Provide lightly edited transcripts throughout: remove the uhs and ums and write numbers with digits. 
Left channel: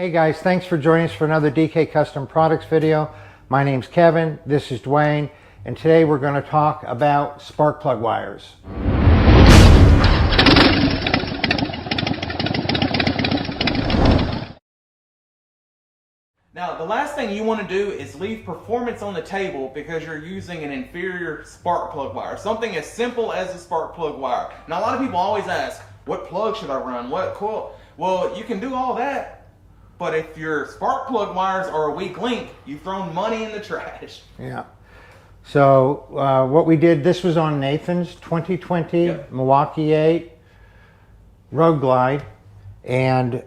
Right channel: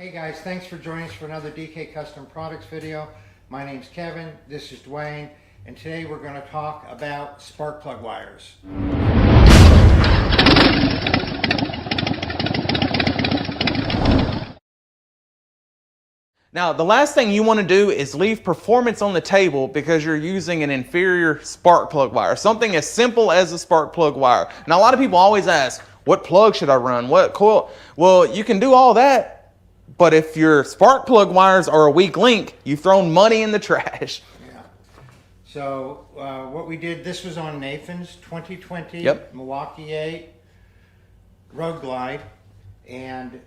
Hey guys, thanks for joining us for another DK Custom Products video. My name's Kevin, this is Dwayne, and today we're going to talk about spark plug wires. Now, the last thing you want to do is leave performance on the table because you're using an inferior spark plug wire. Something as simple as a spark plug wire. Now, a lot of people always ask, what plug should I run? What coil? Well, you can do all that, but if your spark plug wires are a weak link, you've thrown money in the trash. Yeah. So what we did, this was on Nathan's 2020 Milwaukee 8 Road Glide, and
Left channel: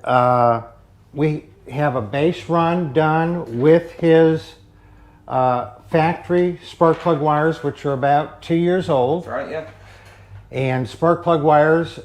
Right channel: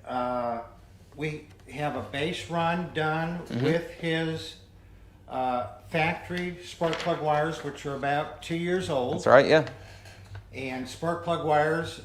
we have a base run done with his factory spark plug wires, which are about 2 years old. That's right, yeah. And spark plug wires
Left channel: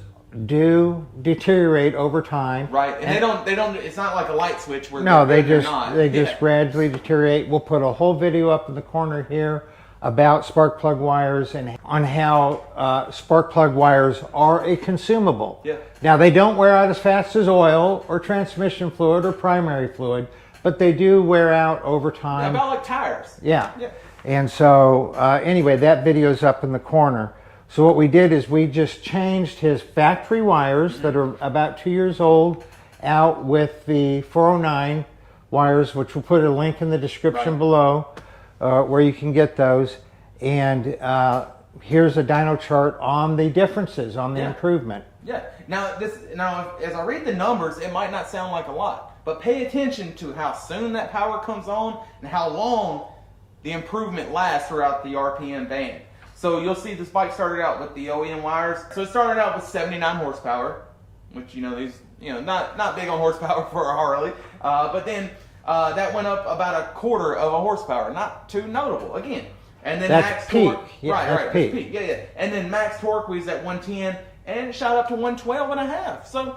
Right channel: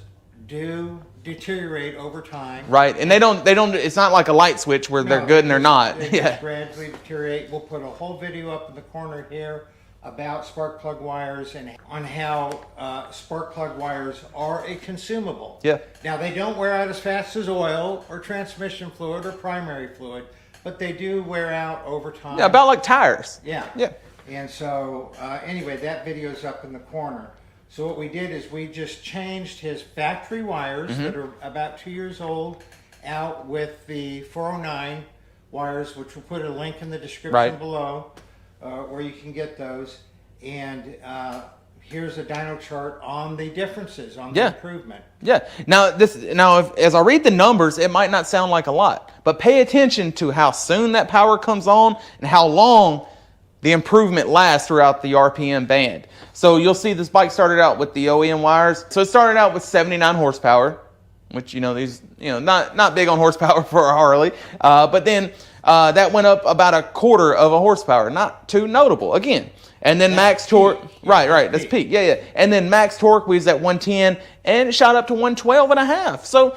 do deteriorate over time. Right, and they don't, it's not like a light switch where they're good and they're not. They just gradually deteriorate. We'll put a whole video up in the corner here about spark plug wires and on how spark plug wires are a consumable. Yeah. Now, they don't wear out as fast as oil or transmission fluid or primary fluid, but they do wear out over time. Yeah, about like tires. Yeah. Yeah. And so anyway, that video's up in the corner. So what we did is we just changed his factory wires that are about 2 years old out with the 409 wires, which we'll put a link in the description below where you can get those. And here's a dyno chart on the differences, on the improvement. Yeah. Now, as I read the numbers, it might not sound like a lot, but pay attention to how soon that power comes on and how long the improvement lasts throughout the RPM band. So you'll see this bike started out with the OEM wires. So it started out with 79 horsepower, which, not big on horsepower for a Harley. But then that went up about a quarter of a horsepower, not too notable again. And then max torque, that's peak. Yeah. And then max torque was at 110 and it shot up to 112 and a half. So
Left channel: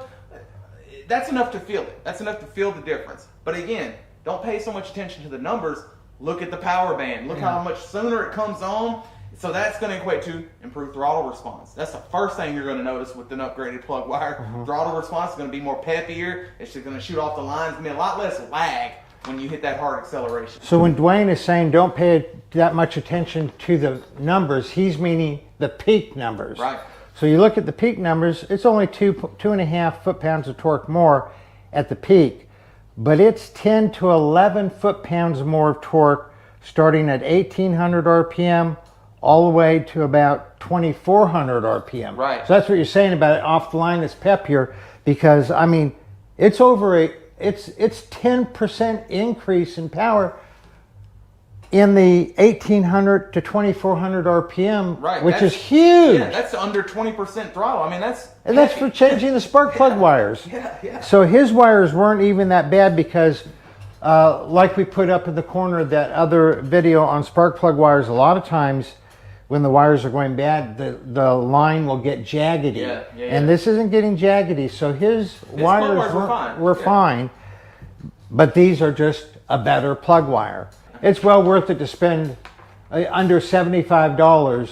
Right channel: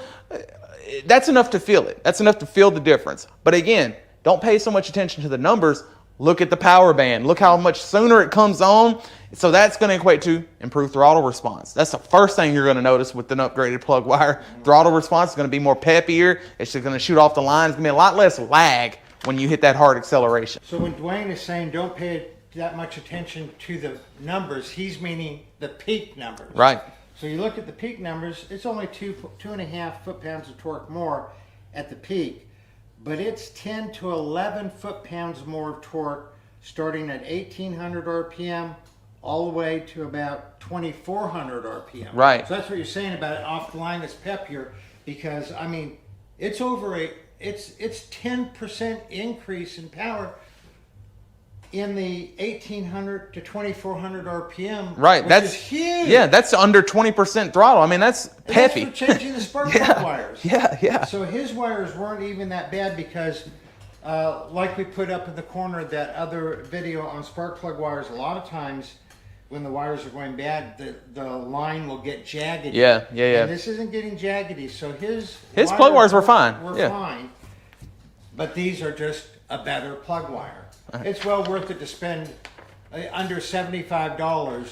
that's enough to feel it. That's enough to feel the difference. But again, don't pay so much attention to the numbers. Look at the power band. Look how much sooner it comes on. So that's going to equate to improved throttle response. That's the first thing you're going to notice with an upgraded plug wire. Throttle response is going to be more peppier. It's just going to shoot off the line. It's going to be a lot less lag when you hit that hard acceleration. So when Dwayne is saying don't pay that much attention to the numbers, he's meaning the peak numbers. Right. So you look at the peak numbers, it's only 2.5 foot-pounds of torque more at the peak, but it's 10 to 11 foot-pounds more of torque starting at 1800 RPM all the way to about 2400 RPM. Right. So that's what you're saying about it off the line, it's peppier, because I mean, it's over it's 10% increase in power in the 1800 to 2400 RPM, right, which is huge. Yeah, that's under 20% throttle. I mean, that's peppy. And that's for changing the spark plug wires. Yeah. So his wires weren't even that bad because like we put up in the corner, that other video on spark plug wires, a lot of times when the wires are going bad, the line will get jaggedy. Yeah. And this isn't getting jaggedy, so his plug wires were fine. Fine, but these are just a better plug wire. It's well worth it to spend under $75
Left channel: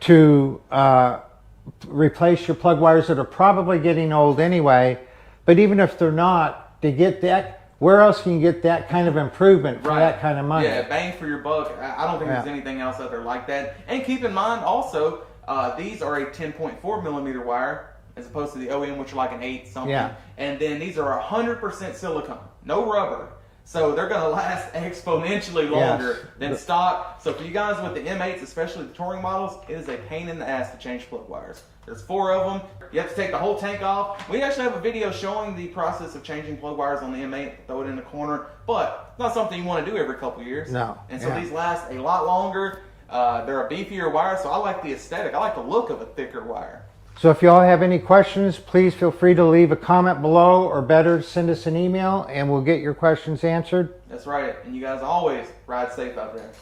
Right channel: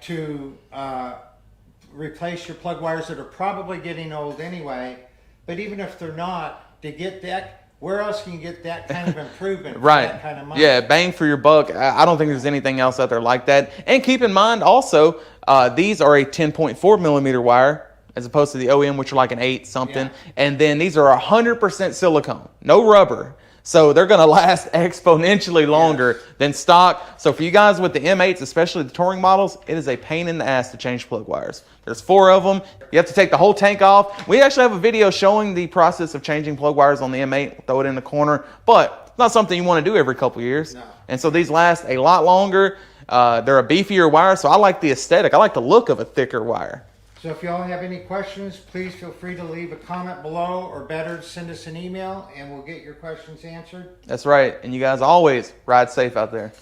to replace your plug wires that are probably getting old anyway. But even if they're not, to get that, where else can you get that kind of improvement for that kind of money? Yeah, bang for your buck. I don't think there's anything else out there like that. And keep in mind also, these are a 10.4 millimeter wire as opposed to the OEM, which are like an 8 something. Yeah. And then these are 100% silicone, no rubber. So they're going to last exponentially longer than stock. So for you guys with the M8s, especially the touring models, it is a pain in the ass to change plug wires. There's 4 of them. You have to take the whole tank off. We actually have a video showing the process of changing plug wires on the M8. We'll throw it in the corner. But it's not something you want to do every couple years. No. And so these last a lot longer. They're a beefier wire, so I like the aesthetic. I like the look of a thicker wire. So if y'all have any questions, please feel free to leave a comment below, or better, send us an email and we'll get your questions answered. That's right. And you guys always ride safe out there.